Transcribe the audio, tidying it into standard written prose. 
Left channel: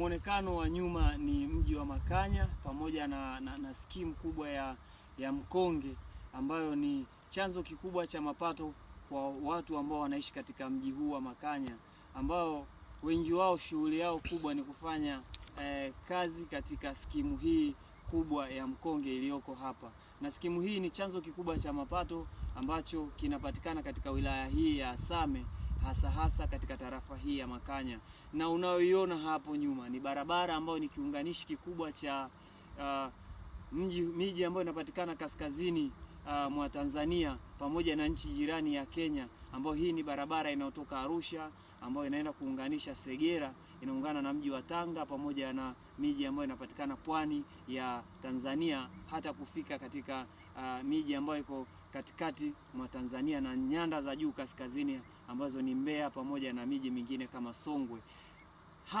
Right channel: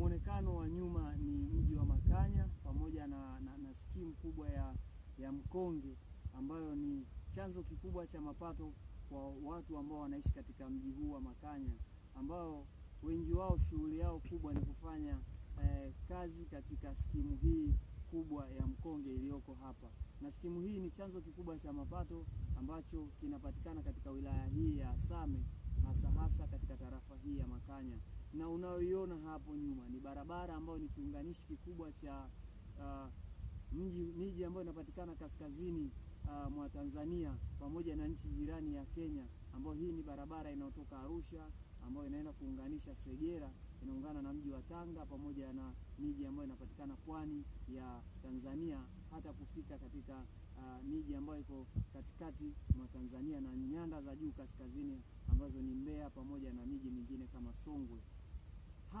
Muonekano wa nyuma ni mji wa Makanya pamoja na skimu kubwa ya mkonge ambayo ni chanzo kikubwa cha mapato kwa watu ambao wanaishi katika mji huu wa Makanya, ambao wengi wao shughuli yao kubwa ni kufanya kazi katika skimu hii kubwa ya mkonge iliyoko hapa. Na skimu hii ni chanzo kikubwa cha mapato ambacho kinapatikana katika wilaya hii ya Same, hasa katika tarafa hii ya Makanya. Na unayoiona hapo nyuma ni barabara ambayo ni kiunganishi kikubwa cha miji ambayo inapatikana kaskazini mwa Tanzania pamoja na nchi jirani ya Kenya, ambayo hii ni barabara inayotoka Arusha ambayo inaenda kuunganisha Segera, inaungana na mji wa Tanga pamoja na miji ambayo inapatikana pwani ya Tanzania, hata kufika katika miji ambayo iko katikati mwa Tanzania na nyanda za juu kaskazini ambazo ni Mbeya pamoja na miji mingine kama Songwe.